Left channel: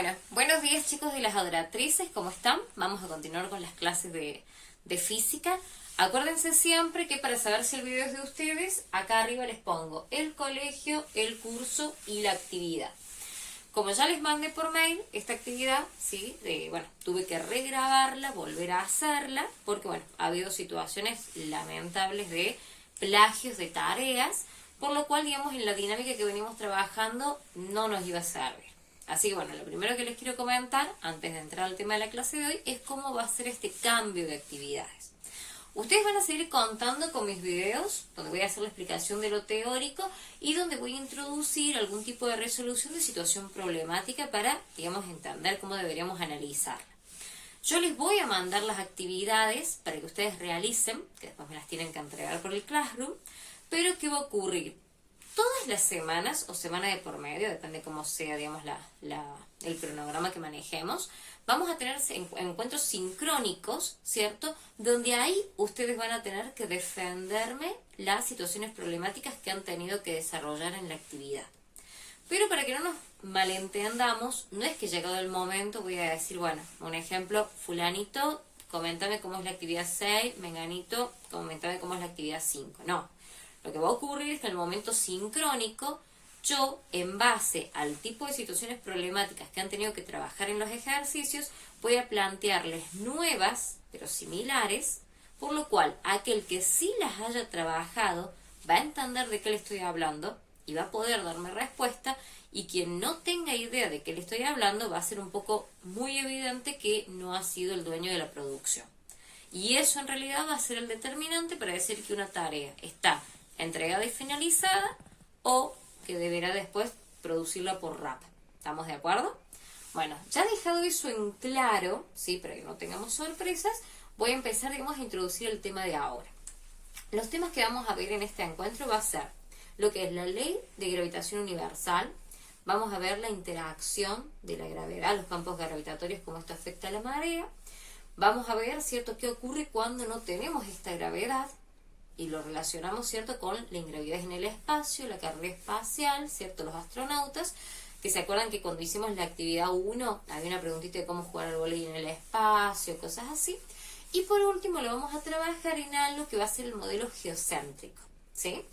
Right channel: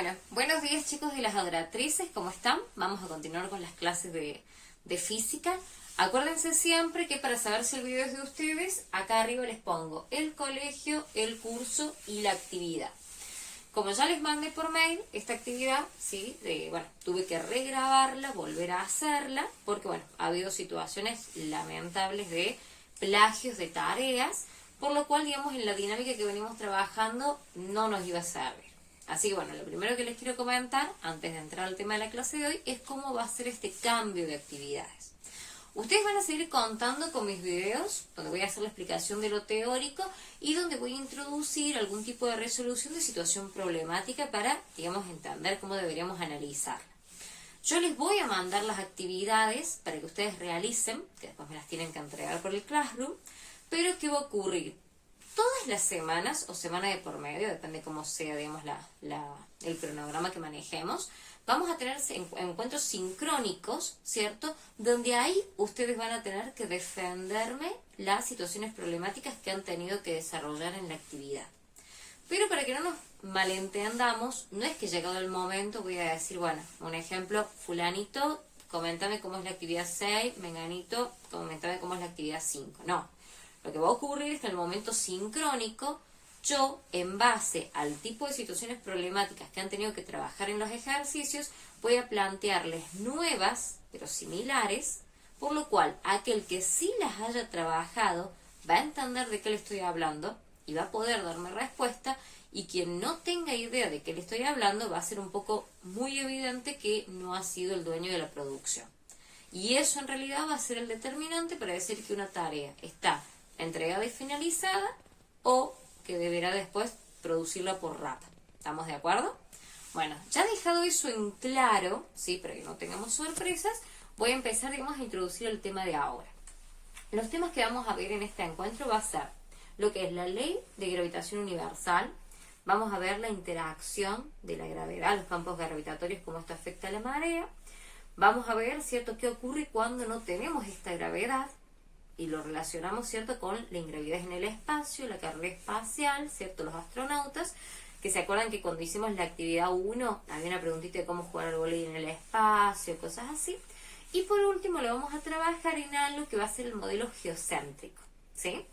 Bueno, buenos días chicos de las adoratrices, ¿cómo están? Vamos a continuar con las clases de física. Acuérdense siempre que para saber si el video es de ustedes, acá arriba les pongo el colegio, el curso y la actividad. Como ya les mandé por mail esta actividad, ¿sí? Tuve que regrabarla, volver a hacerla, porque ha habido situaciones lamentables de plagios de tareas, por lo cual, digamos, en la dinámica que venimos trabajando no nos iba a servir. Así que lo primero que les quiero comentar, antes de entrar al tema de la clase de hoy, es cómo va a ser este cambio de actividades. Ustedes van a seguir contando con mis videos, donde voy a hacer la explicación de lo teórico y donde voy a introducir algún tipo de resolución de situación problemática para, digamos, entender cómo deberíamos analizarla. Yo les voy a mandar las actividades para que ustedes realicen, que después me las tienen que entregar por el Classroom, pero ¿qué va a ocurrir? Todas las semanas, o semana de por medio, depende cómo sea, digamos, el cronograma que manejemos, vamos a tener encuentros sincrónicos, ¿cierto? Donde ahí ustedes van a tener que defenderme las situaciones problemáticas que han tenido que desarrollar en la actividad. Pero para que no nos malentendamos, no es que llegado el momento voy a decir, un ejemplo, fulanito, coméntame cómo es la actividad 6, menganito, coméntame cómo es la actividad 5. No. Lo que va a ocurrir es que en el momento sincrónico, yo, en base al tipo de situaciones problemáticas que han tenido que trabajar en los ejercicios, voy a plantearles nuevas, pero similares, por lo cual aquel que sí las haya trabajado va a entender de qué le estoy hablando y va a poder darme respuesta, y quien no tenga idea de qué le estoy hablando va a ser un poco muy evidente que no ha sido el dueño de la producción. Y eso en realidad va a ser el determinante para decir que una tarea está entregada y finalizada, o que deberá después producirla por RAP. ¿Estamos de acuerdo? Bueno, ya dejado eso en claro, ¿sí? Para que no tengamos sorpresas, voy a empezar, digamos, a introducir el tema de ahora. Los temas que vamos a ver en este encuentro va a ser lo que es la ley de gravitación universal. Vamos a ver la interacción de la gravedad, los campos gravitatorios, cómo esto afecta a la marea. Vamos a ver, ¿cierto?, qué ocurre cuando no tenemos esta gravedad. Y lo relacionamos, ¿cierto?, con la ingravidez en el espacio, la carrera espacial, ¿cierto?, los astronautas, que se acuerdan que cuando hicimos la actividad 1 había una preguntita de cómo jugar al vóley en el espacio, cosas así. Y por último lo vamos a trabajar en algo que va a ser el modelo geocéntrico, ¿sí?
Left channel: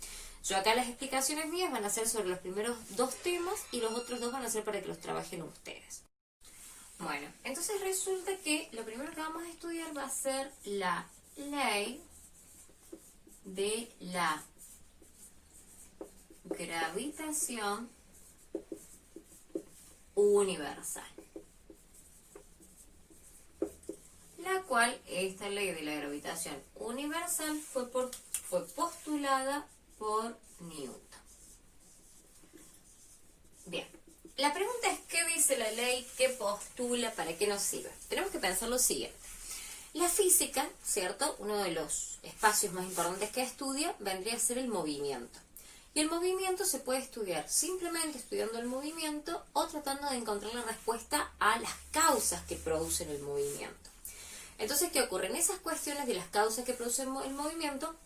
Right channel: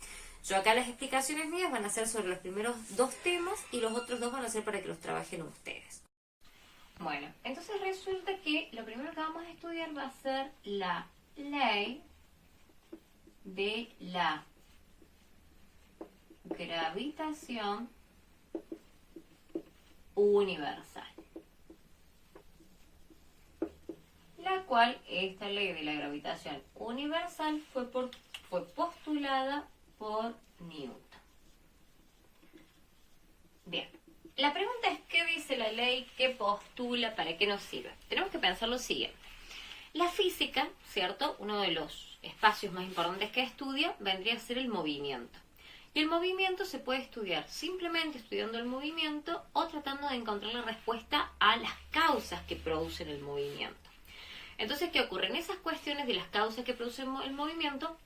Yo acá las explicaciones mías van a ser sobre los primeros dos temas y los otros dos van a ser para que los trabajen ustedes. Bueno, entonces resulta que lo primero que vamos a estudiar va a ser la ley de la gravitación universal, la cual, esta ley de la gravitación universal fue postulada por Newton. Bien, la pregunta es, ¿qué dice la ley? ¿Qué postula? ¿Para qué nos sirve? Tenemos que pensar lo siguiente. La física, ¿cierto?, uno de los espacios más importantes que estudia vendría a ser el movimiento. Y el movimiento se puede estudiar simplemente estudiando el movimiento o tratando de encontrar la respuesta a las causas que producen el movimiento. Entonces, ¿qué ocurre? En esas cuestiones de las causas que producen el movimiento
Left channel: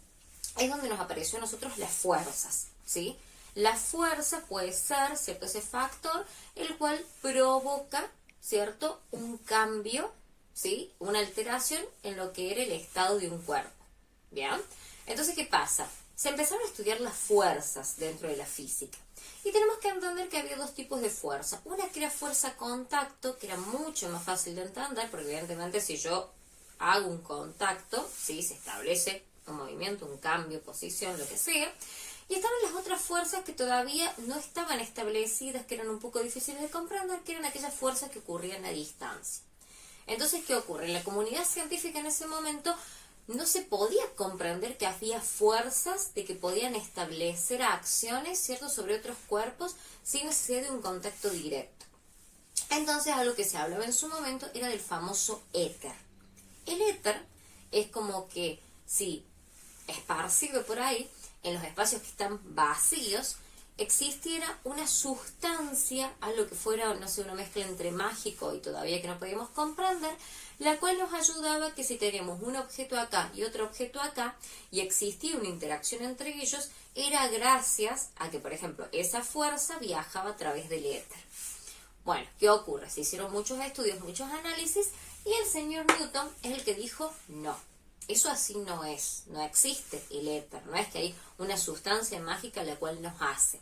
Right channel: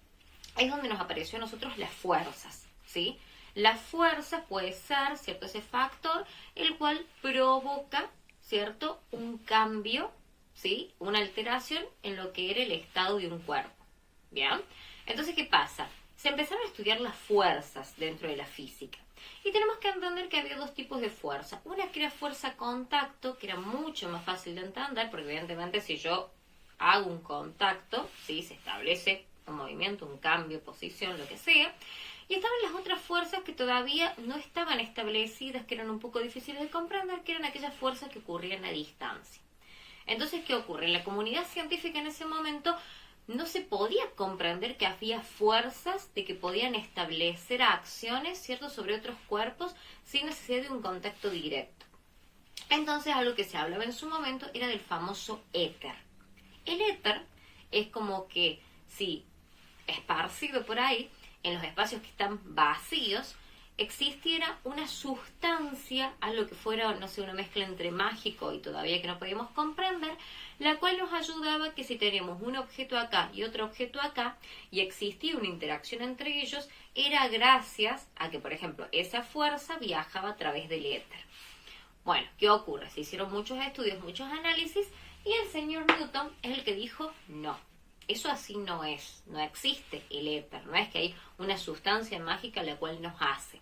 es donde nos apareció a nosotros las fuerzas, ¿sí? La fuerza puede ser, ¿cierto?, ese factor el cual provoca, ¿cierto?, un cambio, ¿sí?, una alteración en lo que era el estado de un cuerpo. ¿Bien? Entonces, ¿qué pasa? Se empezaron a estudiar las fuerzas dentro de la física. Y tenemos que entender que había dos tipos de fuerza. Una que era fuerza contacto, que era mucho más fácil de entender, porque evidentemente si yo hago un contacto, ¿sí?, se establece un movimiento, un cambio, posición, lo que sea. Y estaban las otras fuerzas que todavía no estaban establecidas, que eran un poco difíciles de comprender, que eran aquellas fuerzas que ocurrían a distancia. Entonces, ¿qué ocurre? En la comunidad científica en ese momento no se podía comprender que había fuerzas de que podían establecer acciones, ¿cierto?, sobre otros cuerpos sin necesidad de un contacto directo. Entonces, algo que se hablaba en su momento era del famoso éter. El éter es como que, sí, esparcido por ahí, en los espacios que están vacíos, existiera una sustancia, algo que fuera, no sé, una mezcla entre mágico y todavía que no podíamos comprender, la cual nos ayudaba que si teníamos un objeto acá y otro objeto acá, y existía una interacción entre ellos, era gracias a que, por ejemplo, esa fuerza viajaba a través del éter. Bueno, ¿qué ocurre? Se hicieron muchos estudios, muchos análisis, y el señor Newton es el que dijo no. Eso así no es, no existe el éter, no es que hay una sustancia mágica la cual nos hace.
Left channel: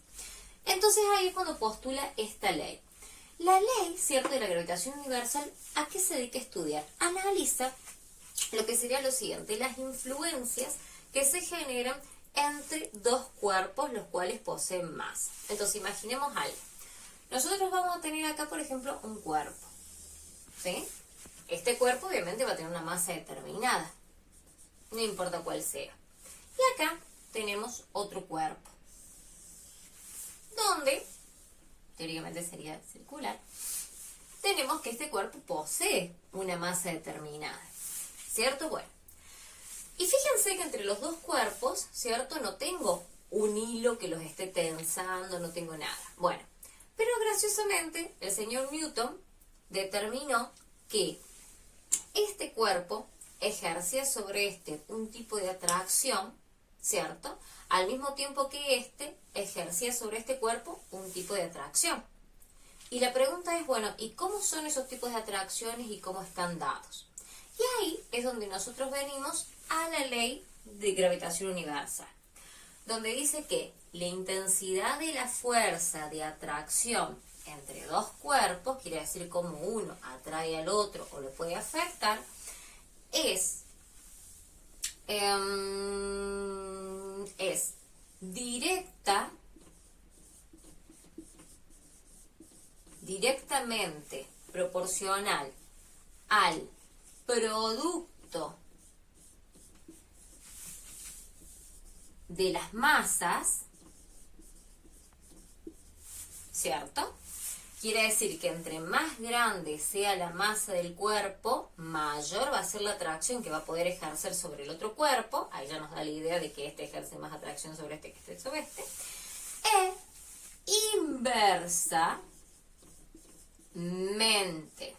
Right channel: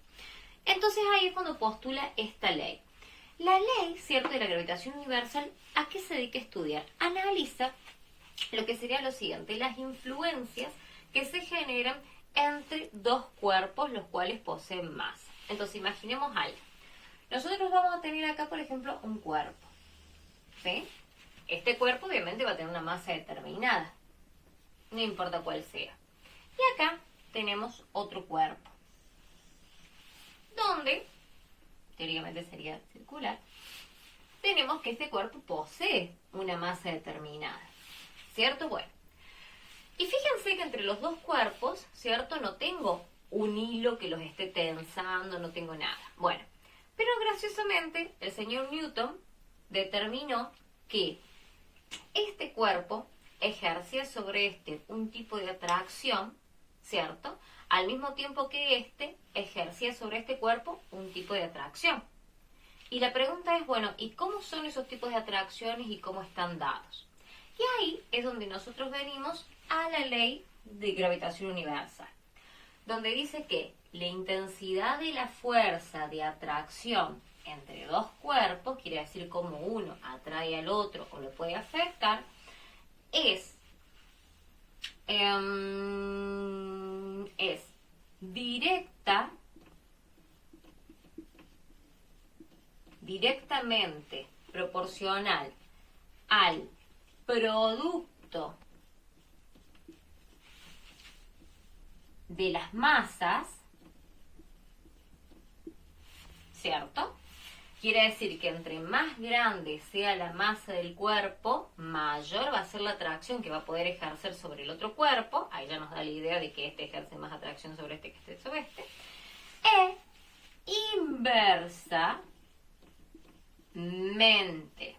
Entonces ahí es cuando postula esta ley. La ley, ¿cierto?, de la gravitación universal, ¿a qué se dedica a estudiar? Analiza lo que sería lo siguiente, las influencias que se generan entre dos cuerpos los cuales poseen masa. Entonces imaginemos algo. Nosotros vamos a tener acá, por ejemplo, un cuerpo, ¿sí? Este cuerpo obviamente va a tener una masa determinada, no importa cuál sea. Y acá tenemos otro cuerpo, donde, teóricamente sería circular, tenemos que este cuerpo posee una masa determinada, ¿cierto? Bueno, y fíjense que entre los dos cuerpos, ¿cierto?, no tengo un hilo que los esté tensando, no tengo nada. Bueno, pero graciosamente el señor Newton determinó que este cuerpo ejercía sobre este un tipo de atracción, ¿cierto?, al mismo tiempo que este ejercía sobre este cuerpo un tipo de atracción. Y la pregunta es, bueno, ¿y cómo son esos tipos de atracciones y cómo están dados? Y ahí es donde nosotros venimos a la ley de gravitación universal, donde dice que la intensidad de la fuerza de atracción entre dos cuerpos, quiere decir cómo uno atrae al otro o lo puede afectar, es directamente proporcional al producto de las masas, ¿cierto? Quiere decir que entre más grande sea la masa del cuerpo, mayor va a ser la atracción que va a poder ejercer sobre el otro cuerpo. Ahí ya nos da la idea de que este ejerce más atracción sobre este que este sobre este. E inversamente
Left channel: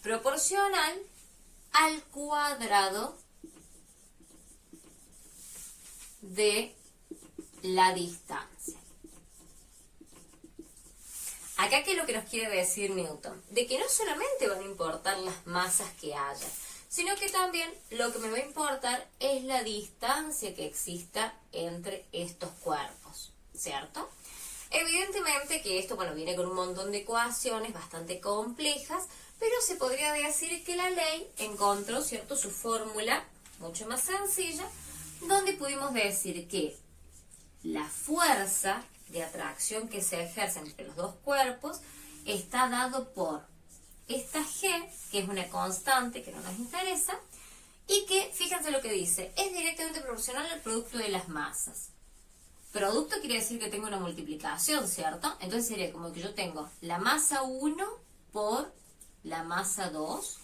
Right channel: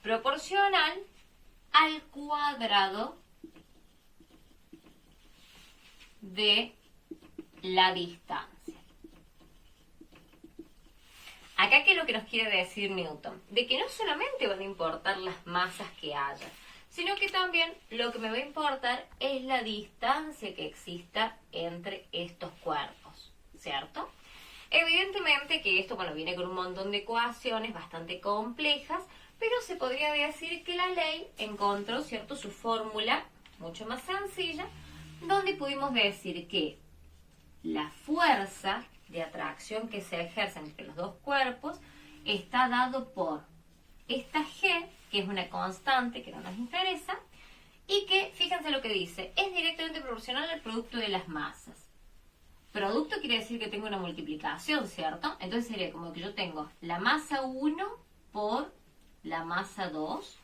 proporcional al cuadrado de la distancia. Acá, ¿qué es lo que nos quiere decir Newton? De que no solamente van a importar las masas que haya, sino que también lo que me va a importar es la distancia que exista entre estos cuerpos, ¿cierto? Evidentemente que esto, bueno, viene con un montón de ecuaciones bastante complejas, pero se podría decir que la ley encontró, ¿cierto?, su fórmula mucho más sencilla, donde pudimos decir que la fuerza de atracción que se ejerce entre los dos cuerpos está dado por esta G, que es una constante que no nos interesa, y que, fíjense lo que dice, es directamente proporcional al producto de las masas. Producto quiere decir que tengo una multiplicación, ¿cierto? Entonces sería como que yo tengo la masa 1 por la masa 2,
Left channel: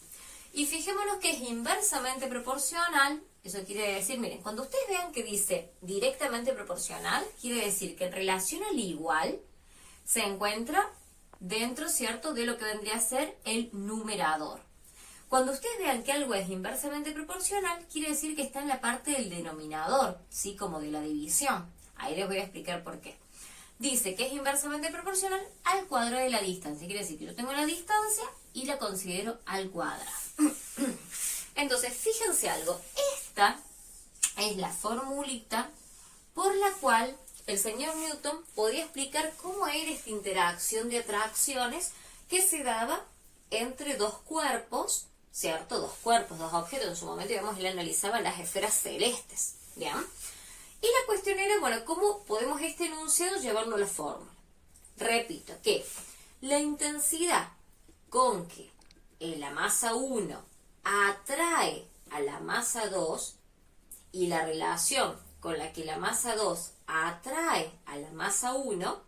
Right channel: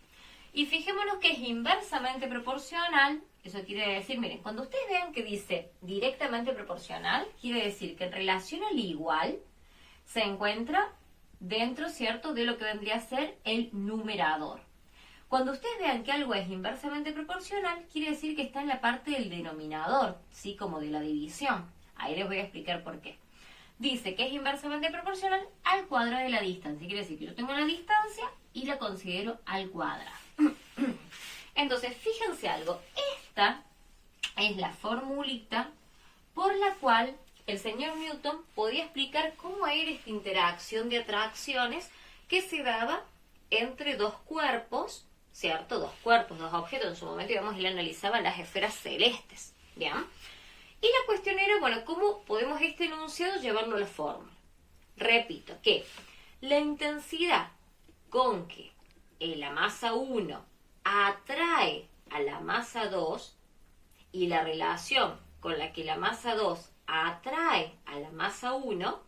y fijémonos que es inversamente proporcional. Eso quiere decir, miren, cuando ustedes vean que dice directamente proporcional, quiere decir que en relación al igual se encuentra dentro, ¿cierto?, de lo que vendría a ser el numerador. Cuando ustedes vean que algo es inversamente proporcional, quiere decir que está en la parte del denominador, ¿sí?, como de la división. Ahí les voy a explicar por qué. Dice que es inversamente proporcional al cuadrado de la distancia. Quiere decir que yo tengo la distancia y la considero al cuadrado. Entonces, fíjense algo. Esta es la formulita por la cual el señor Newton podía explicar cómo era esta interacción de atracciones que se daba entre dos cuerpos, ¿cierto? Dos cuerpos, dos objetos. En su momento, digamos, él analizaba las esferas celestes, ¿bien? Y la cuestión era, bueno, ¿cómo podemos este enunciado llevarlo a la fórmula? Repito, que la intensidad con que la masa 1 atrae a la masa 2 y la relación con la que la masa 2 atrae a la masa 1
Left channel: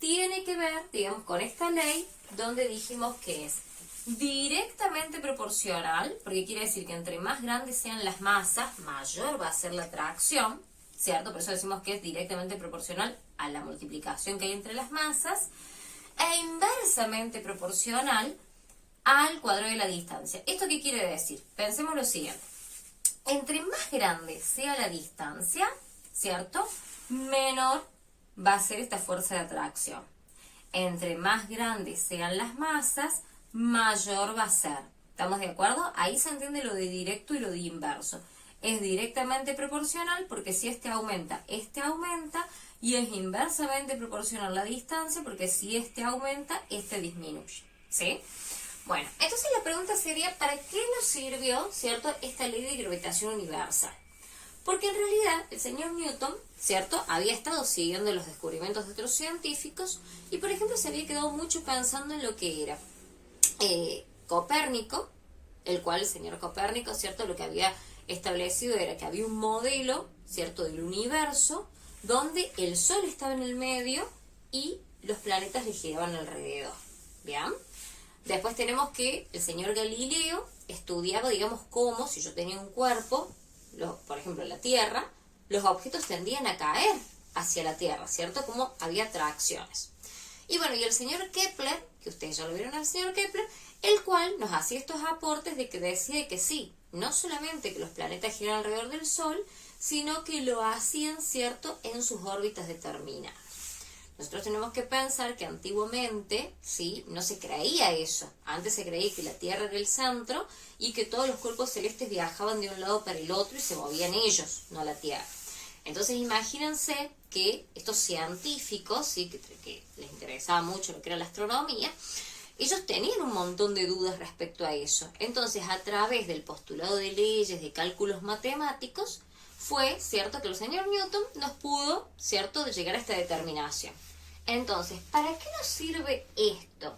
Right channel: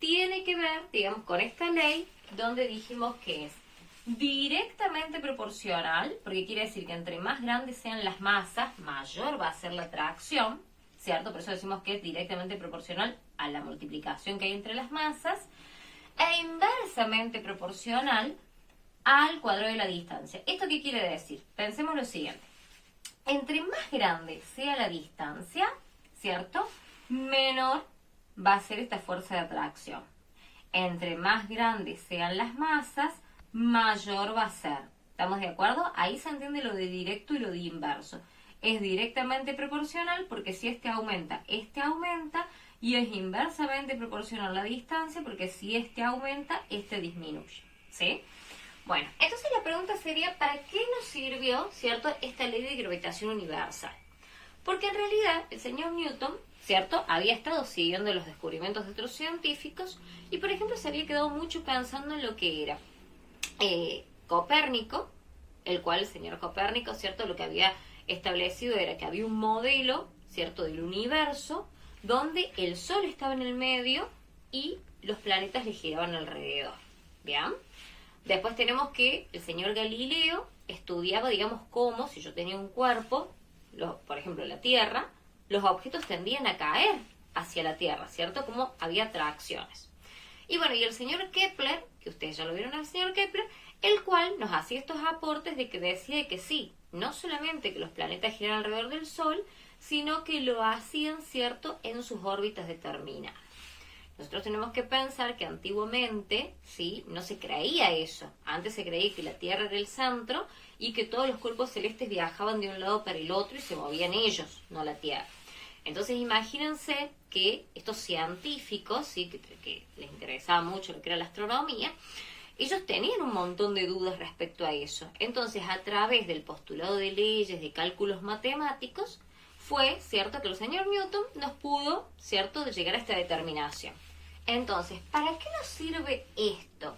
tiene que ver, digamos, con esta ley donde dijimos que es directamente proporcional, porque quiere decir que entre más grandes sean las masas, mayor va a ser la atracción, ¿cierto? Por eso decimos que es directamente proporcional a la multiplicación que hay entre las masas, e inversamente proporcional al cuadrado de la distancia. ¿Esto qué quiere decir? Pensemos lo siguiente. Entre más grande sea la distancia, ¿cierto?, menor va a ser esta fuerza de atracción. Entre más grandes sean las masas, mayor va a ser. ¿Estamos de acuerdo? Ahí se entiende lo de directo y lo de inverso. Es directamente proporcional porque si este aumenta, y es inversamente proporcional la distancia porque si este aumenta, este disminuye. ¿Sí? Bueno, entonces la pregunta sería, ¿para qué nos sirvió, cierto, esta ley de gravitación universal? Porque en realidad el señor Newton, ¿cierto?, había estado siguiendo los descubrimientos de otros científicos y, por ejemplo, se había quedado mucho pensando en lo que era Copérnico, el cual el señor Copérnico, ¿cierto?, lo que había establecido era que había un modelo, ¿cierto?, del universo donde el Sol estaba en el medio y los planetas le giraban alrededor. ¿Bien? Después tenemos que el señor Galileo estudiaba, digamos, cómo, si yo tenía un cuerpo, por ejemplo, la Tierra, los objetos tendían a caer hacia la Tierra, ¿cierto? Como había atracciones. Y bueno, y el señor Kepler, que ustedes ya lo vieron al señor Kepler, el cual nos hacía estos aportes de que decía que sí, no solamente que los planetas giran alrededor del Sol, sino que lo hacían, ¿cierto?, en sus órbitas determinadas. Nosotros tenemos que pensar que antiguamente, ¿sí?, no se creía eso. Antes se creía que la Tierra era el centro y que todos los cuerpos celestes viajaban de un lado para el otro y se movían ellos, no la Tierra. Entonces imagínense que estos científicos, ¿sí?, que les interesaba mucho lo que era la astronomía, ellos tenían un montón de dudas respecto a eso. Entonces, a través del postulado de leyes, de cálculos matemáticos, fue, ¿cierto?, que el señor Newton nos pudo, ¿cierto?, de llegar a esta determinación. Entonces, ¿para qué nos sirve esto?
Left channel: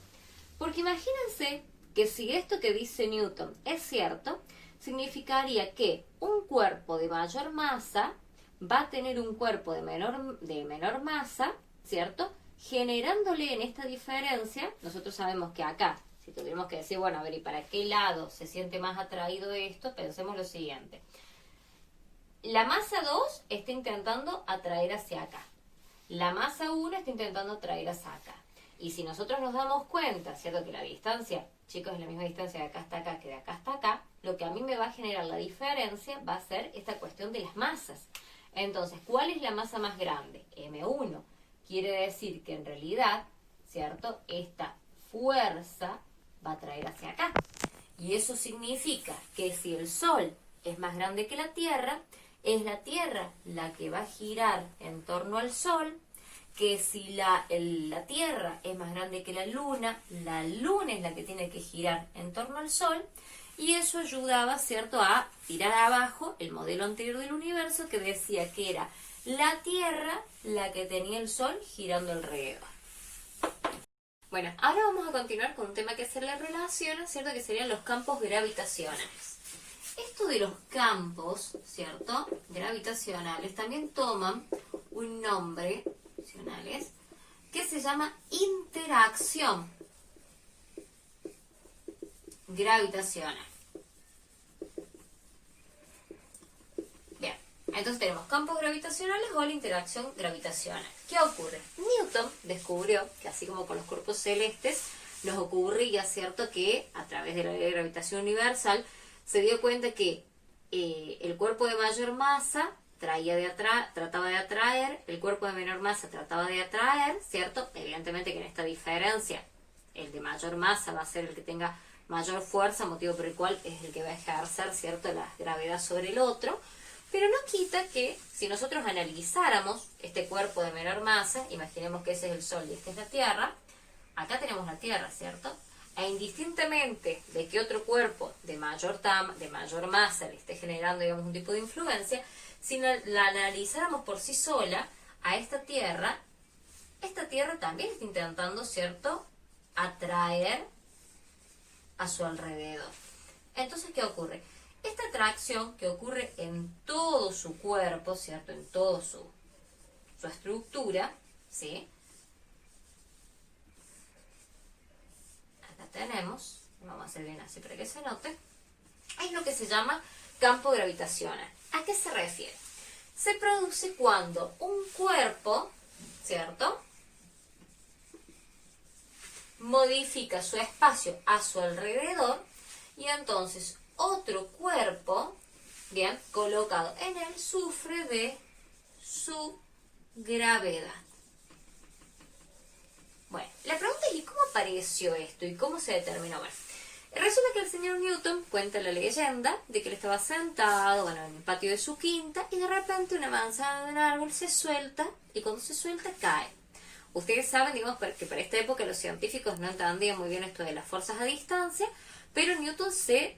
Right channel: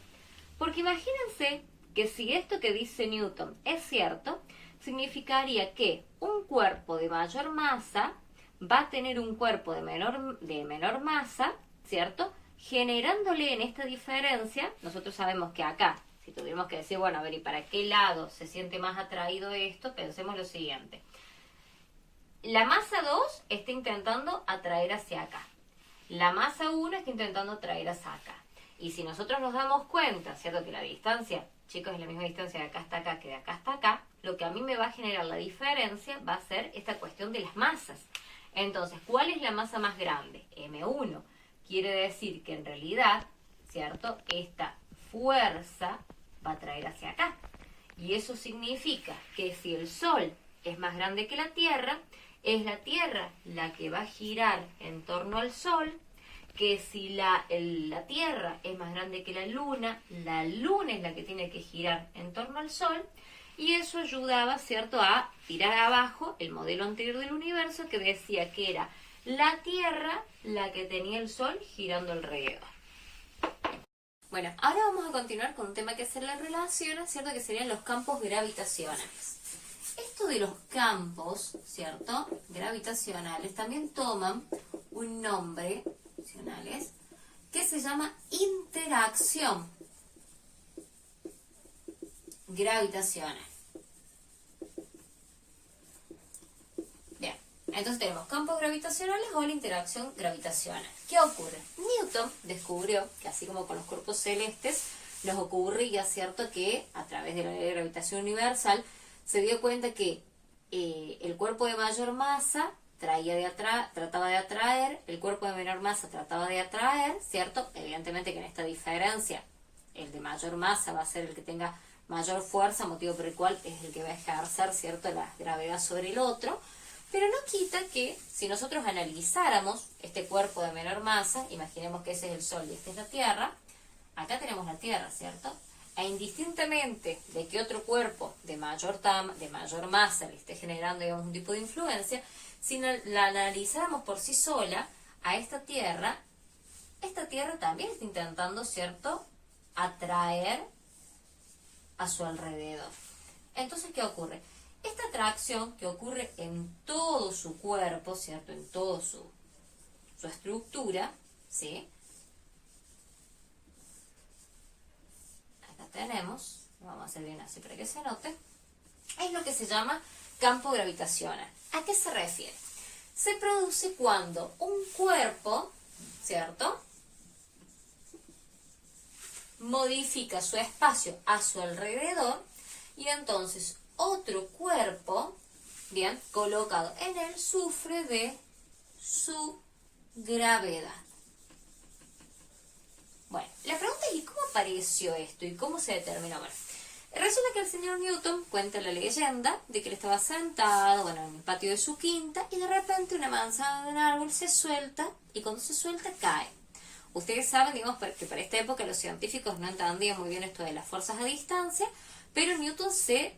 Porque imagínense que si esto que dice Newton es cierto, significaría que un cuerpo de mayor masa va a tener un cuerpo de menor masa, ¿cierto?, generándole en esta diferencia. Nosotros sabemos que acá, si tuviéramos que decir, bueno, a ver, ¿y para qué lado se siente más atraído esto? Pensemos lo siguiente. La masa 2 está intentando atraer hacia acá. La masa 1 está intentando atraer hacia acá. Y si nosotros nos damos cuenta, ¿cierto?, que la distancia, chicos, es la misma distancia de acá hasta acá que de acá hasta acá, lo que a mí me va a generar la diferencia va a ser esta cuestión de las masas. Entonces, ¿cuál es la masa más grande? M1. Quiere decir que en realidad, ¿cierto?, esta fuerza va a traer hacia acá. Y eso significa que si el Sol es más grande que la Tierra, es la Tierra la que va a girar en torno al Sol, que si la Tierra es más grande que la Luna es la que tiene que girar en torno al Sol, y eso ayudaba, ¿cierto?, a tirar abajo el modelo anterior del universo que decía que era la Tierra la que tenía el Sol girando alrededor. Bueno, ahora vamos a continuar con un tema que se le relaciona, ¿cierto?, que serían los campos gravitacionales. Esto de los campos, ¿cierto?, gravitacionales, también toman un nombre, que se llama interacción gravitacional. Bien, entonces tenemos campos gravitacionales o la interacción gravitacional. ¿Qué ocurre? Newton descubrió que así como con los cuerpos celestes nos ocurría, ¿cierto?, que a través de la ley de gravitación universal se dio cuenta que el cuerpo de mayor masa trataba de atraer, el cuerpo de menor masa trataba de atraer, ¿cierto? Evidentemente que en esta diferencia el de mayor masa va a ser el que tenga mayor fuerza, motivo por el cual es el que va a ejercer, ¿cierto?, la gravedad sobre el otro, pero no quita que si nosotros analizáramos este cuerpo de menor masa, imaginemos que ese es el Sol y esta es la Tierra, acá tenemos la Tierra, ¿cierto?, e indistintamente de que otro cuerpo de mayor masa le esté generando, digamos, un tipo de influencia, si la analizáramos por sí sola a esta Tierra también está intentando, ¿cierto?, atraer a su alrededor. Entonces, ¿qué ocurre? Esta atracción que ocurre en todo su cuerpo, ¿cierto?, en toda su estructura, ¿sí?, tenemos, vamos a hacer bien así para que se note, es lo que se llama campo gravitacional. ¿A qué se refiere? Se produce cuando un cuerpo, ¿cierto?, modifica su espacio a su alrededor y entonces otro cuerpo, bien, colocado en él, sufre de su gravedad. Bueno, la pregunta es, ¿y cómo apareció esto? ¿Y cómo se determinó? Bueno, resulta que el señor Newton cuenta la leyenda de que él estaba sentado, bueno, en el patio de su quinta, y de repente una manzana de un árbol se suelta, y cuando se suelta cae. Ustedes saben, digamos, que para esta época los científicos no entendían muy bien esto de las fuerzas a distancia, pero Newton se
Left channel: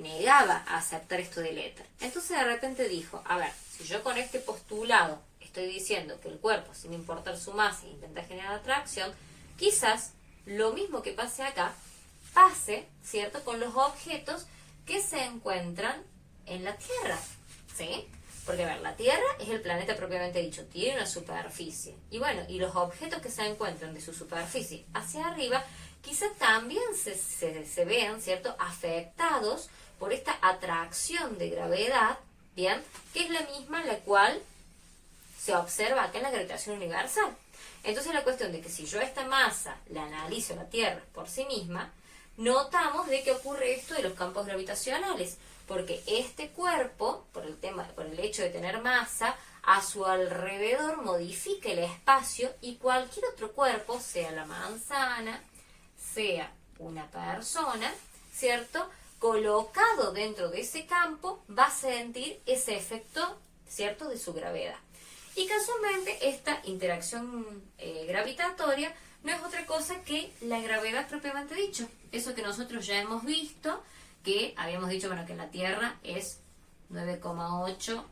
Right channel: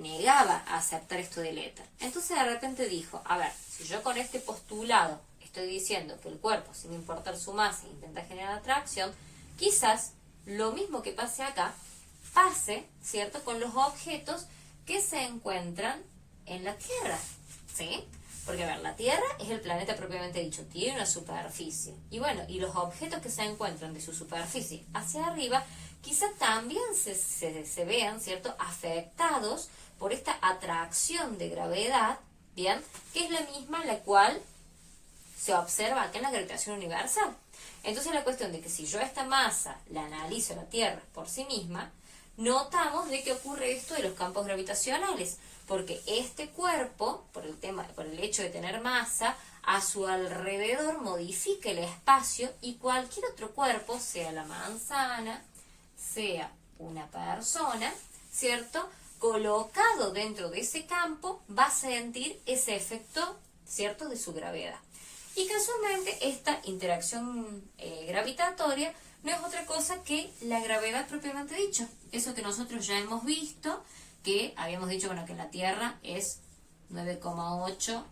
negaba a aceptar esto del éter. Entonces de repente dijo, a ver, si yo con este postulado estoy diciendo que el cuerpo, sin importar su masa, intenta generar atracción, quizás lo mismo que pase acá, pase, ¿cierto?, con los objetos que se encuentran en la Tierra, ¿sí? Porque, a ver, la Tierra es el planeta propiamente dicho, tiene una superficie. Y bueno, y los objetos que se encuentran de su superficie hacia arriba, quizá también se vean, ¿cierto?, afectados por esta atracción de gravedad, ¿bien?, que es la misma la cual se observa acá en la gravitación universal. Entonces la cuestión de que si yo esta masa la analizo la Tierra por sí misma, notamos de que ocurre esto de los campos gravitacionales, porque este cuerpo, por el hecho de tener masa, a su alrededor modifica el espacio, y cualquier otro cuerpo, sea la manzana, sea una persona, ¿cierto?, colocado dentro de ese campo, va a sentir ese efecto, ¿cierto?, de su gravedad. Y casualmente esta interacción gravitatoria no es otra cosa que la gravedad propiamente dicho. Eso que nosotros ya hemos visto, que habíamos dicho, bueno, que en la Tierra es 9,8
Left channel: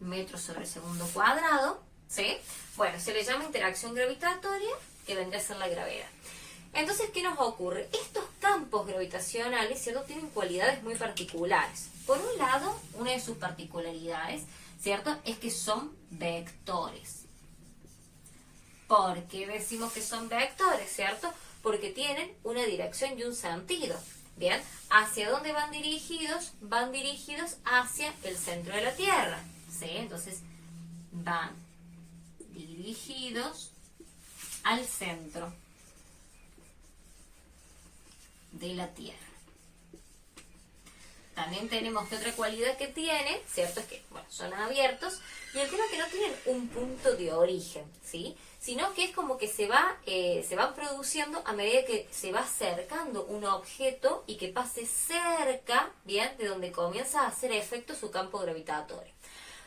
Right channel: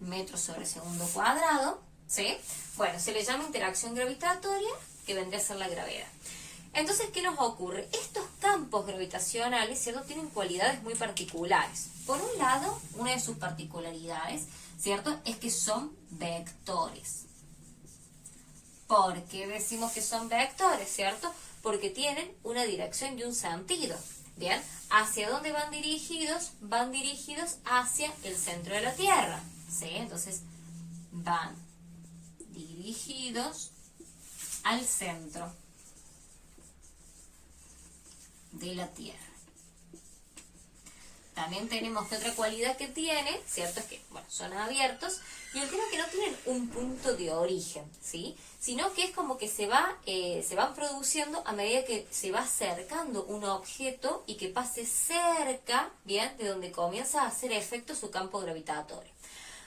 metros sobre segundo cuadrado, ¿sí? Bueno, se le llama interacción gravitatoria, que vendría a ser la gravedad. Entonces, ¿qué nos ocurre? Estos campos gravitacionales, ¿cierto?, tienen cualidades muy particulares. Por un lado, una de sus particularidades, ¿cierto?, es que son vectores. ¿Por qué decimos que son vectores, cierto? Porque tienen una dirección y un sentido. ¿Bien? ¿Hacia dónde van dirigidos? Van dirigidos hacia el centro de la Tierra. ¿Sí? Entonces, van dirigidos al centro de la Tierra. También tenemos que otra cualidad que tienen, ¿cierto? Es que, bueno, son abiertos, y el tema es que no tienen un punto de origen, ¿sí?, sino que es como que se van produciendo a medida que se va acercando un objeto y que pase cerca, ¿bien?, de donde comienza a hacer efecto su campo gravitatorio.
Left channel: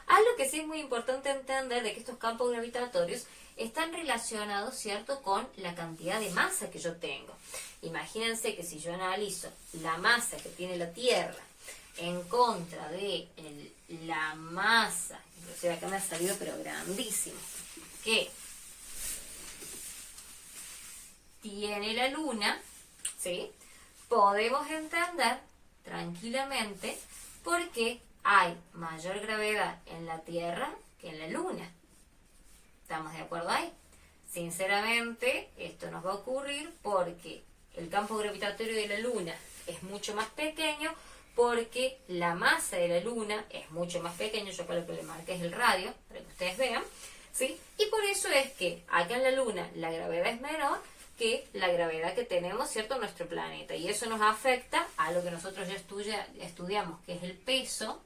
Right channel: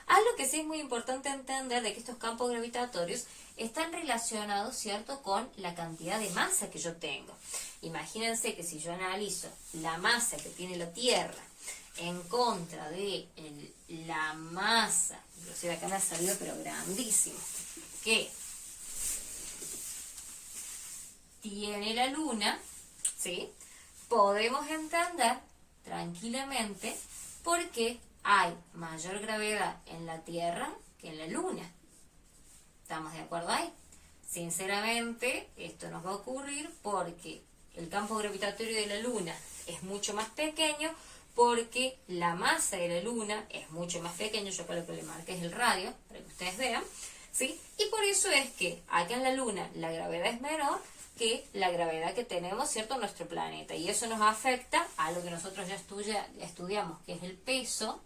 Algo que sí es muy importante entender de que estos campos gravitatorios están relacionados, ¿cierto?, con la cantidad de masa que yo tengo. Imagínense que si yo analizo la masa que tiene la Tierra en contra de la masa, inclusive acá me ha salido pero grandísimo, que tiene la Luna, ¿sí?, podemos entender tranquilamente por qué hay mayor gravedad en la Tierra que en la Luna. ¿Estamos de acuerdo ahí? Sinceramente, esto nos va a ocurrir porque el campo gravitatorio de la Luna es mucho más pequeño, porque la masa de la Luna es mucho más pequeño. Yo con lo que le marqué es el radio, para que ustedes vean, ¿sí? Y por eso es que acá en la Luna la gravedad es menor que la gravedad que tenemos, ¿cierto?, en nuestro planeta. Y eso nos afecta a lo que nosotros ya estudiamos, que es el peso,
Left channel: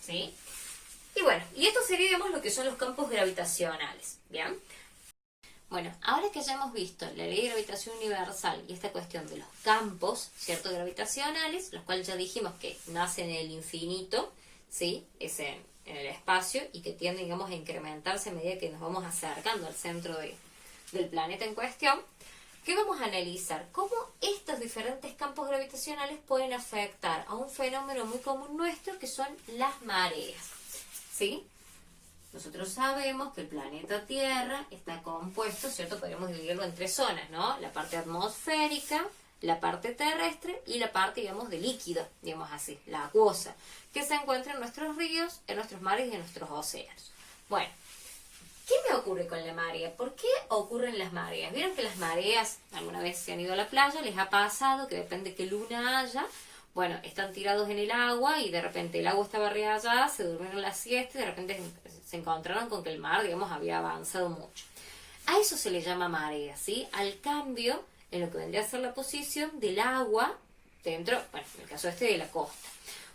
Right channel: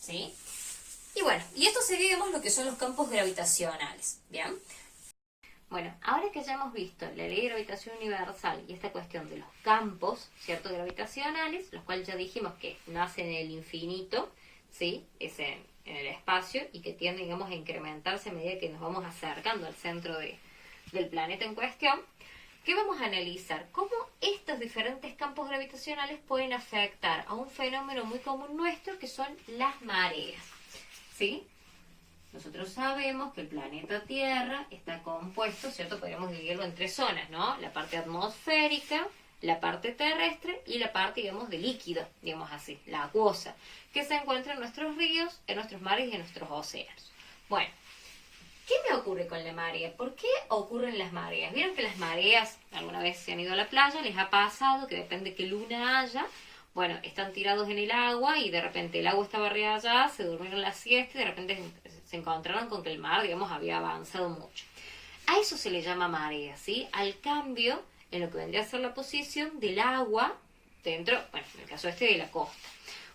¿sí? Y bueno, y esto sería, digamos, lo que son los campos gravitacionales, ¿bien? Bueno, ahora que ya hemos visto la ley de gravitación universal y esta cuestión de los campos, ¿cierto?, gravitacionales, los cuales ya dijimos que nacen en el infinito, ¿sí?, es en el espacio, y que tienden, digamos, a incrementarse a medida que nos vamos acercando al centro del planeta en cuestión, ¿qué vamos a analizar? Cómo estos diferentes campos gravitacionales pueden afectar a un fenómeno muy común nuestro, que son las mareas, ¿sí? Nosotros sabemos que el planeta Tierra está compuesto, ¿cierto? Podríamos dividirlo en tres zonas, ¿no? La parte atmosférica, la parte terrestre y la parte, digamos, de líquido, digamos así, la acuosa, que se encuentra en nuestros ríos, en nuestros mares y en nuestros océanos. Bueno, ¿qué me ocurre con la marea? ¿Por qué ocurren las mareas? ¿Vieron que las mareas, alguna vez se han ido a la playa, les ha pasado que depende de qué luna haya? Bueno, están tirados en el agua y de repente el agua estaba arriba allá, se durmieron la siesta y de repente se encontraron con que el mar, digamos, había avanzado mucho. A eso se le llama marea, ¿sí? Al cambio en lo que vendría a ser la posición del agua dentro, bueno, en el caso de la costa.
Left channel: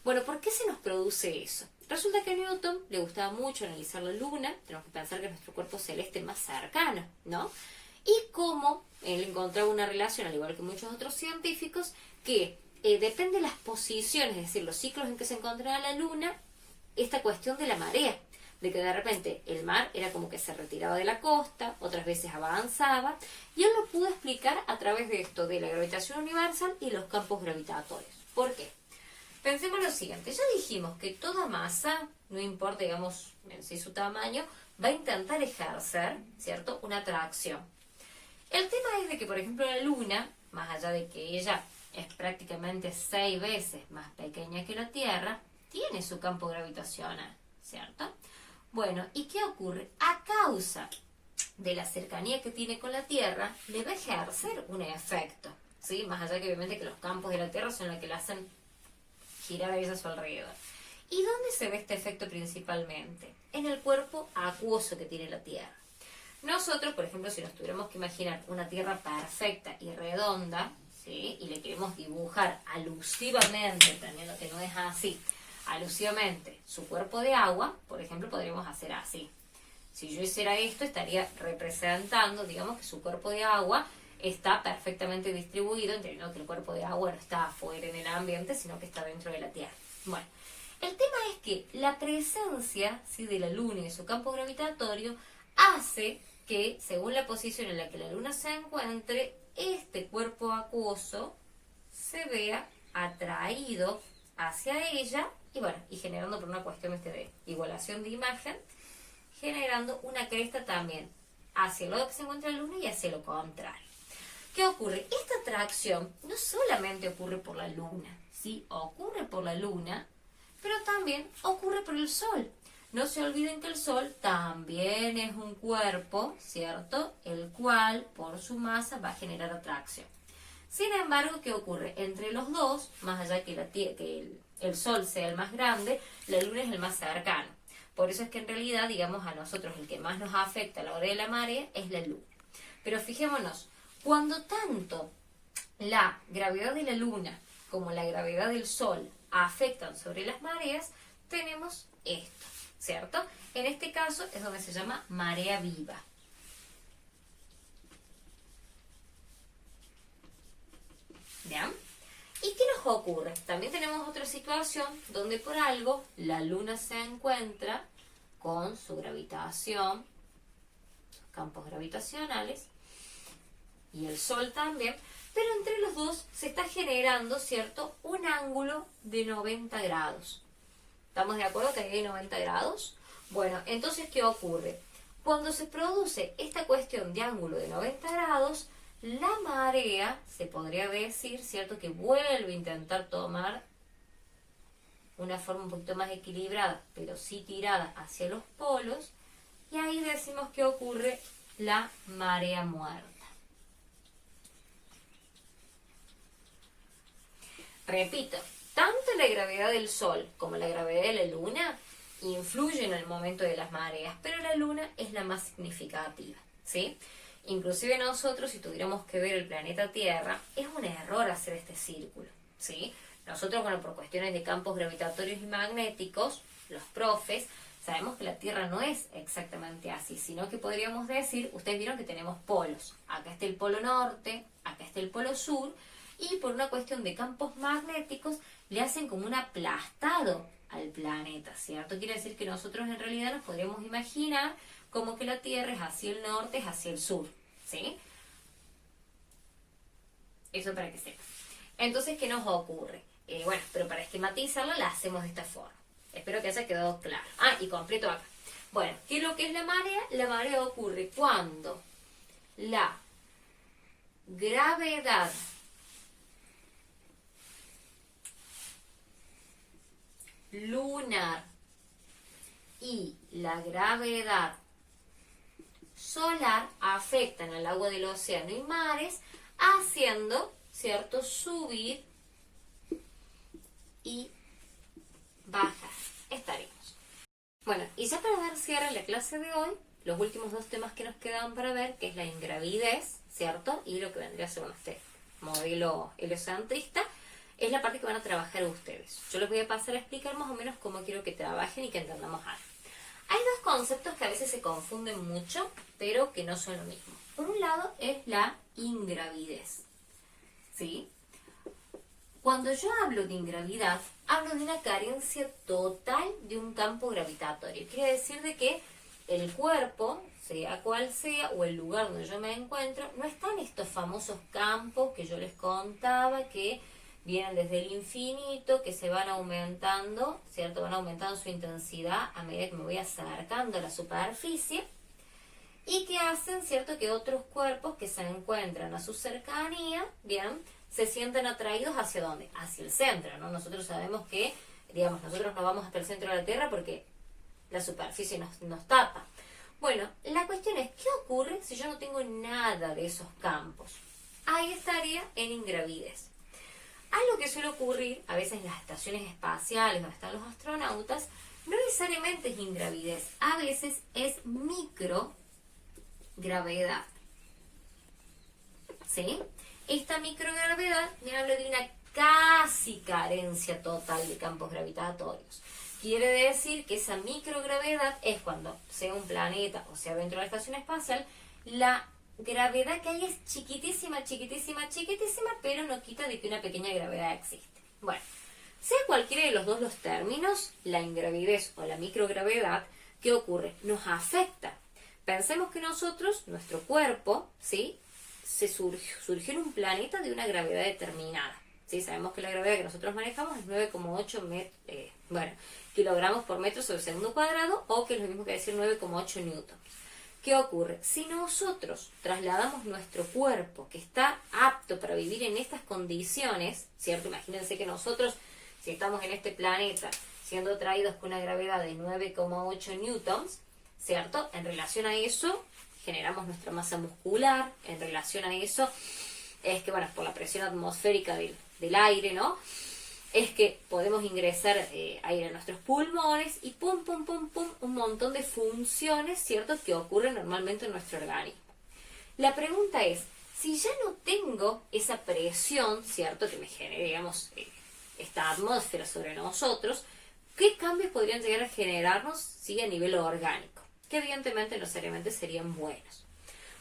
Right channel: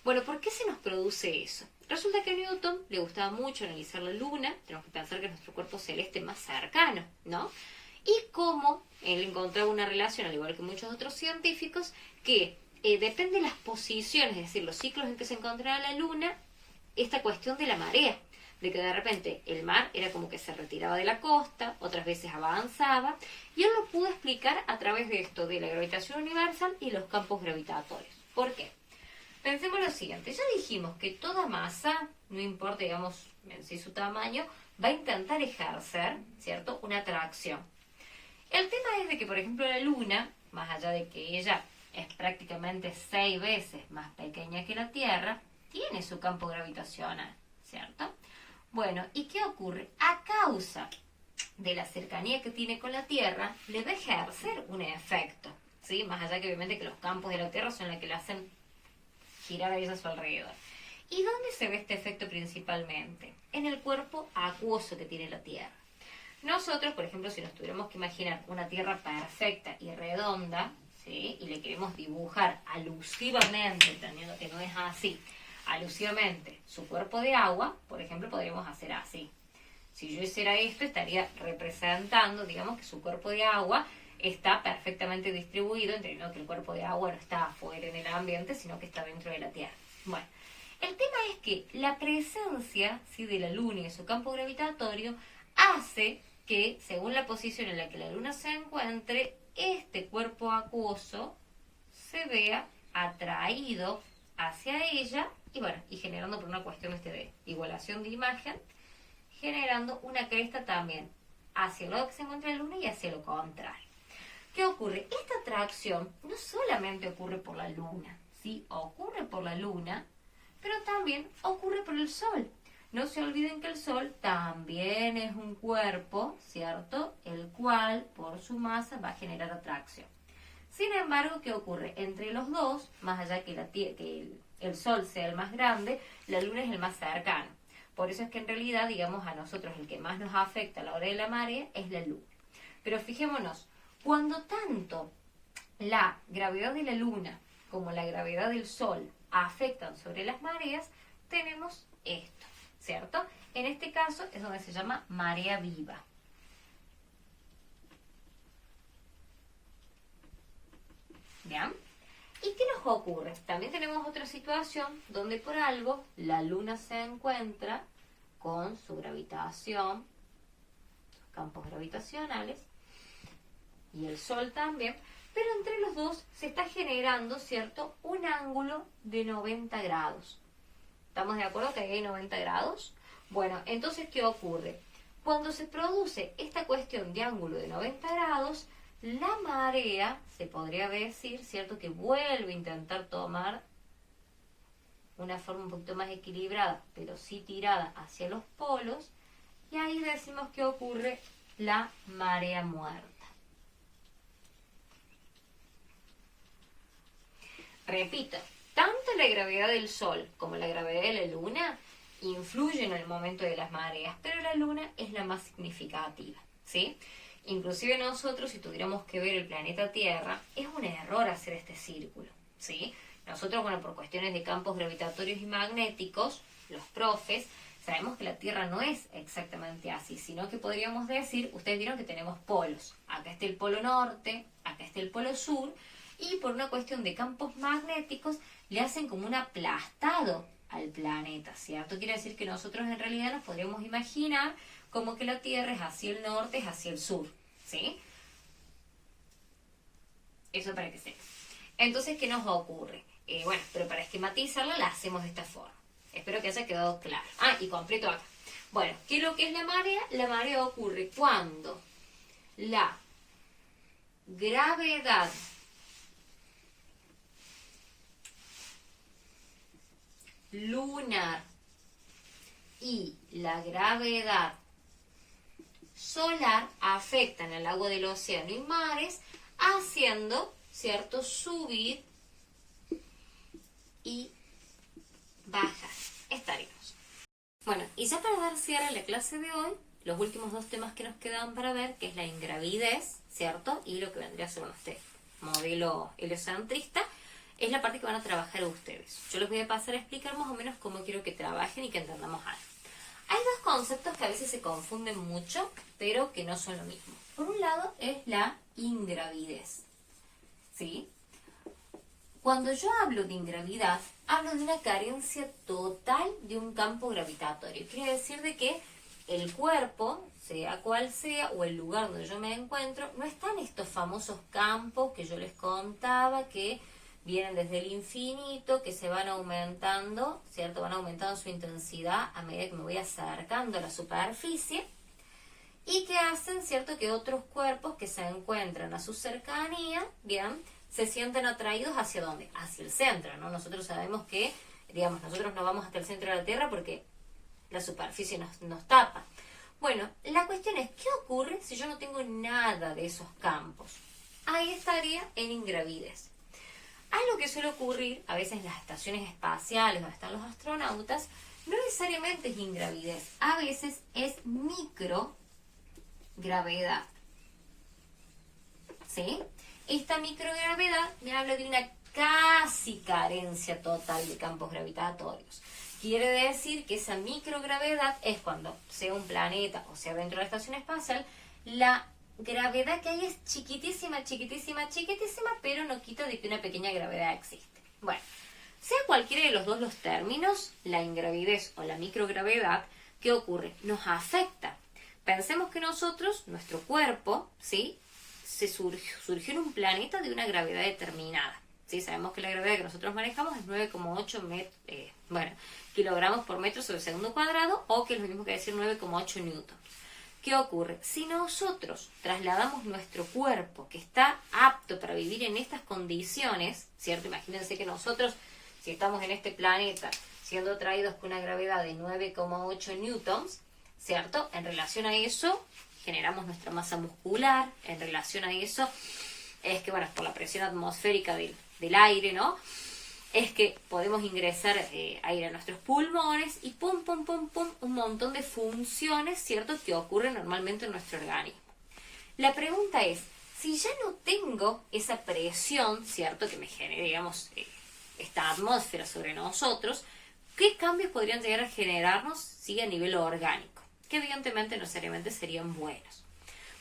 Bueno, ¿por qué se nos produce eso? Resulta que a Newton le gustaba mucho analizar la luna, tenemos que pensar que es nuestro cuerpo celeste más cercano, ¿no? Y cómo él encontraba una relación, al igual que muchos otros científicos, que depende de las posiciones, es decir, los ciclos en que se encontraba la luna, esta cuestión de la marea, de que de repente el mar era como que se retiraba de la costa, otras veces avanzaba, y él lo pudo explicar a través de esto, de la gravitación universal y los campos gravitatorios. ¿Por qué? Pensemos lo siguiente, ya dijimos que toda masa, no importa, digamos, en sí su tamaño, va a intentar ejercer, ¿cierto?, una atracción. El tema es de que, por ejemplo, la luna, más allá de que ella es prácticamente 6 veces más pequeña que la Tierra, tiene su campo gravitacional, ¿cierto? Bueno, ¿y qué ocurre? A causa de la cercanía que tiene con la Tierra, le va a ejercer un efecto, ¿sí? Más allá que obviamente que los campos de la Tierra son los que le hacen girar a ella a su alrededor. ¿Y dónde se ve este efecto principalmente? En el cuerpo acuoso que tiene la Tierra. Nosotros, por ejemplo, si nos tuviéramos que imaginar una Tierra perfecta y redonda, ¿sí?, y le queremos dibujar alusivamente, entendiendo que no es así, alusivamente su cuerpo de agua, por ejemplo, podríamos hacer así. Si yo hiciera esto, estaría representando, digamos, que su cuerpo de agua está perfectamente distribuido, entendiendo que el cuerpo de agua no está afuera en el ambiente, sino que está dentro de la Tierra. Bueno, el tema es que la presencia, ¿sí?, de la Luna y de su campo gravitatorio hace que, según la posición en la que la Luna se encuentre, este cuerpo acuoso se vea atraído hacia ella y bueno, y generando por una cuestión de igualación de imagen, generando una cresta también hacia el lado que se encuentra la Luna y hacia lo contrario. ¿Qué ocurre? Esta atracción no solamente ocurre por la Luna, ¿sí? Ocurre por la Luna, pero también ocurre por el Sol. No se olviden que el Sol también es un cuerpo, ¿cierto?, el cual por su masa va a generar atracción. Sin embargo, ¿qué ocurre? Entre los dos, más allá que el Sol sea el más grande, la Luna es el más cercano. Por eso es que en realidad, digamos, a nosotros el que más nos afecta a la hora de la marea es la Luna. Pero fijémonos, cuando tanto la gravedad de la Luna como la gravedad del Sol afectan sobre las mareas, tenemos esto, ¿cierto? En este caso es donde se llama marea viva. ¿Bien? ¿Y qué nos ocurre? También tenemos otra situación donde por algo la Luna se encuentra con su gravitación, sus campos gravitacionales, y el Sol también, pero entre los dos se está generando, ¿cierto?, un ángulo de 90 grados. ¿Estamos de acuerdo que hay 90 grados? Bueno, entonces, ¿qué ocurre? Cuando se produce esta cuestión de ángulo de 90 grados, la marea, se podría decir, ¿cierto?, que vuelve a intentar tomar una forma un poquito más equilibrada, pero sí tirada hacia los polos, y ahí decimos que ocurre la marea muerta. Repito, tanto la gravedad del Sol como la gravedad de la Luna influyen en el momento de las mareas, pero la Luna es la más significativa, ¿sí? Inclusive nosotros, si tuviéramos que ver el planeta Tierra, es un error hacer este círculo, ¿sí? Nosotros, bueno, por cuestiones de campos gravitatorios y magnéticos, los profes, sabemos que la Tierra no es exactamente así, sino que podríamos decir, ustedes vieron que tenemos polos. Acá está el polo norte, acá está el polo sur, y por una cuestión de campos magnéticos le hacen como un aplastado al planeta, ¿cierto? Quiere decir que nosotros en realidad nos podríamos imaginar como que la Tierra es hacia el norte, es hacia el sur, ¿sí? Eso para que sepan. Entonces, ¿qué nos ocurre? Bueno, pero para esquematizarla la hacemos de esta forma. Espero que haya quedado claro. Ah, y completo acá. Bueno, ¿qué es lo que es la marea? La marea ocurre cuando la gravedad lunar y la gravedad solar afectan al agua del océano y mares, haciendo, ¿cierto?, subir y bajar. Estaremos. Bueno, y ya para dar cierre a la clase de hoy, los últimos dos temas que nos quedan para ver, que es la ingravidez, ¿cierto?, y lo que vendría a ser este modelo heliocentrista. es la parte que van a trabajar ustedes. Yo les voy a pasar a explicar más o menos cómo quiero que trabajen y que entendamos algo. Hay dos conceptos que a veces se confunden mucho, pero que no son lo mismo. Por un lado es la ingravidez, ¿sí? Cuando yo hablo de ingravidad, hablo de una carencia total de un campo gravitatorio. Quiere decir de que el cuerpo, sea cual sea, o el lugar donde yo me encuentro, no están estos famosos campos que yo les contaba, que vienen desde el infinito, que se van aumentando, ¿cierto? Van aumentando su intensidad a medida que me voy acercando a la superficie, y que hacen, ¿cierto?, que otros cuerpos que se encuentran a su cercanía, bien, se sienten atraídos hacia ¿dónde? Hacia el centro, ¿no? Nosotros sabemos que, digamos, nosotros no vamos hasta el centro de la Tierra porque la superficie nos tapa. Bueno, la cuestión es, ¿qué ocurre si yo no tengo nada de esos campos? Ahí estaría en ingravidez. Algo que suele ocurrir a veces en las estaciones espaciales donde están los astronautas, no necesariamente es ingravidez, a veces es microgravedad. ¿Sí? Esta microgravedad me habla de una casi carencia total de campos gravitatorios. Quiere decir que esa microgravedad es cuando, sea un planeta o sea dentro de la estación espacial, la gravedad que hay es chiquitísima, chiquitísima, chiquitísima, pero no quita de que una pequeña gravedad existe. Bueno, sea cualquiera de los dos los términos, la ingravidez o la microgravedad, ¿qué ocurre? Nos afecta. Pensemos que nosotros, nuestro cuerpo, ¿sí?, surgió en un planeta de una gravedad determinada. ¿Sí? Sabemos que la gravedad que nosotros manejamos es 9,8 kilogramos por metro sobre segundo cuadrado, o que es lo mismo que decir 9,8 newtons. ¿Qué ocurre? Si nosotros trasladamos nuestro cuerpo, que está apto para vivir en estas condiciones, ¿cierto? Imagínense que nosotros, si estamos en este planeta, siendo atraídos con una gravedad de 9,8 newtons, ¿cierto? En relación a eso, generamos nuestra masa muscular. En relación a eso, es que, bueno, por la presión atmosférica del aire, ¿no?, es que podemos ingresar aire a nuestros pulmones y pum, pum, pum, pum, un montón de funciones, ¿cierto?, que ocurren normalmente en nuestro organismo. La pregunta es, si ya no tengo esa presión, ¿cierto?, que me genere, digamos, esta atmósfera sobre nosotros, ¿qué cambios podrían llegar a generarnos, sí, a nivel orgánico? Que evidentemente no necesariamente serían buenos.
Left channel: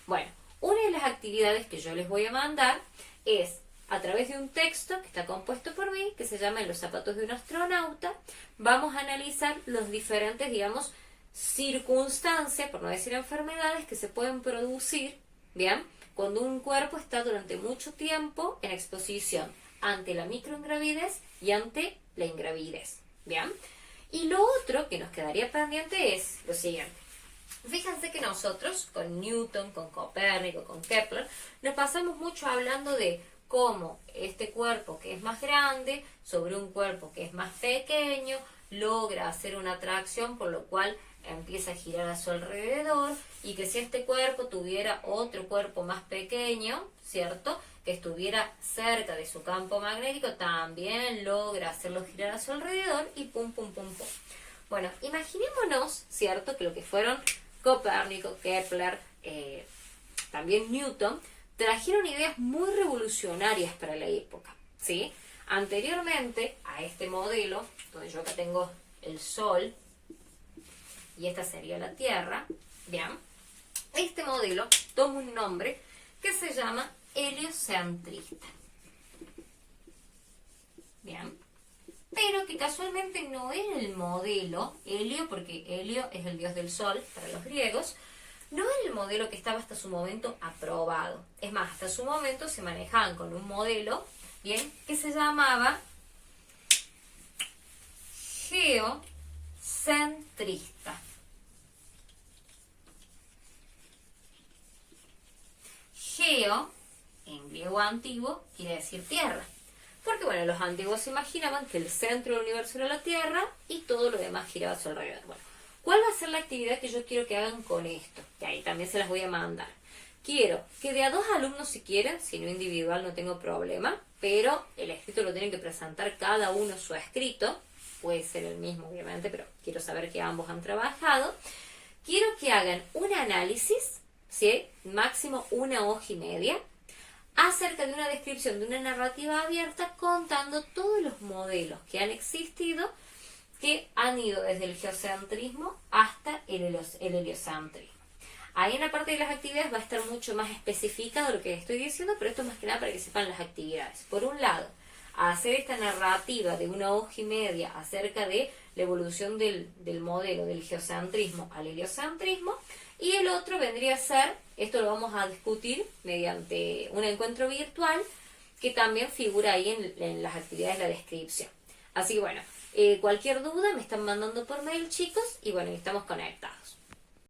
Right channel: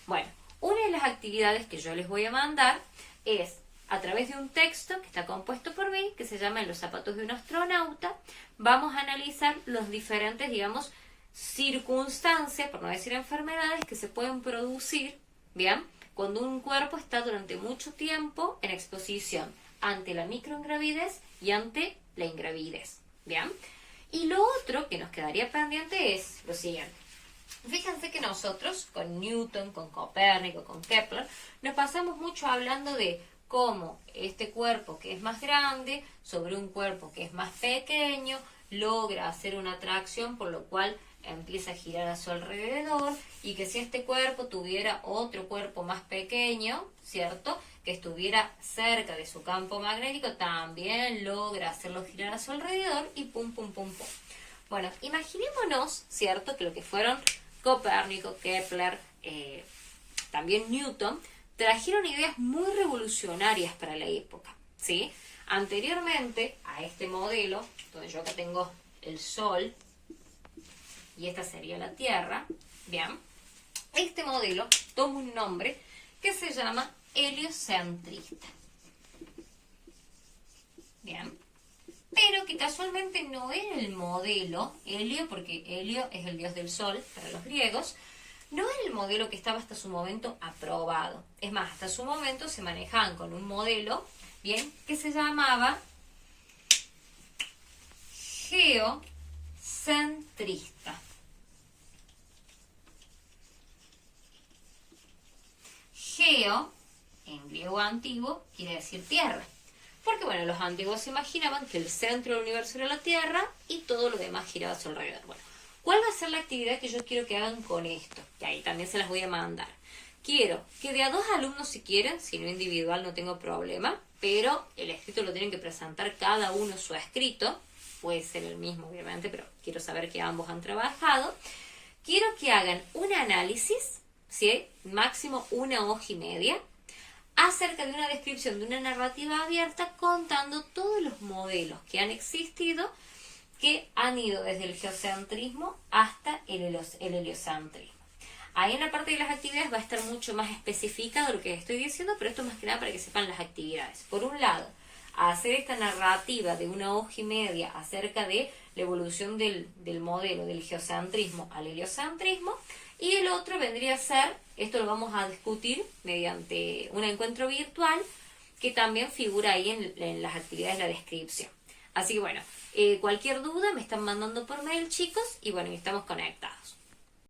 Bueno, una de las actividades que yo les voy a mandar es, a través de un texto que está compuesto por mí, que se llama En los zapatos de un astronauta, vamos a analizar los diferentes, digamos, circunstancias, por no decir enfermedades, que se pueden producir, ¿bien?, cuando un cuerpo está durante mucho tiempo en exposición ante la microingravidez y ante la ingravidez, ¿bien? Y lo otro que nos quedaría pendiente es lo siguiente. Fíjense que nosotros, con Newton, con Copérnico, con Kepler, nos pasamos mucho hablando de cómo este cuerpo que es más grande sobre un cuerpo que es más pequeño logra hacer una atracción, por lo cual empieza a girar a su alrededor, y que si este cuerpo tuviera otro cuerpo más pequeño, ¿cierto?, que estuviera cerca de su campo magnético, también logra hacerlo girar a su alrededor y pum, pum, pum, pum. Bueno, imaginémonos, ¿cierto?, que lo que fueron Copérnico, Kepler, también Newton, trajeron ideas muy revolucionarias para la época, ¿sí? Anteriormente a este modelo, donde yo acá tengo el Sol y esta sería la Tierra, ¿bien? Este modelo toma un nombre que se llama heliocentrista, ¿bien? Pero que casualmente no era el modelo Helio, porque Helio es el dios del Sol para los griegos. No era el modelo que estaba hasta su momento aprobado. Es más, hasta su momento se manejaban con un modelo, bien, que se llamaba geocentrista. Geo, en griego antiguo, quiere decir tierra. Porque, bueno, los antiguos se imaginaban que el centro del universo era la Tierra y todo lo demás giraba a su alrededor. Bueno, ¿cuál va a ser la actividad que yo quiero que hagan con esto? Que ahí también se las voy a mandar. Quiero que de a 2 alumnos si quieren, si no individual no tengo problema, pero el escrito lo tienen que presentar cada uno su escrito. Puede ser el mismo, obviamente, pero quiero saber que ambos han trabajado. Quiero que hagan un análisis, ¿sí?, máximo 1 hoja y media, acerca de una descripción de una narrativa abierta contando todos los modelos que han existido, que han ido desde el geocentrismo hasta el heliocentrismo. Ahí en la parte de las actividades va a estar mucho más especificado lo que estoy diciendo, pero esto más que nada para que sepan las actividades. Por un lado, hacer esta narrativa de 1 hoja y media acerca de la evolución del modelo del geocentrismo al heliocentrismo, y el otro vendría a ser, esto lo vamos a discutir mediante un encuentro virtual que también figura ahí en las actividades de la descripción. Así que bueno, cualquier duda me están mandando por mail, chicos, y bueno, estamos conectados.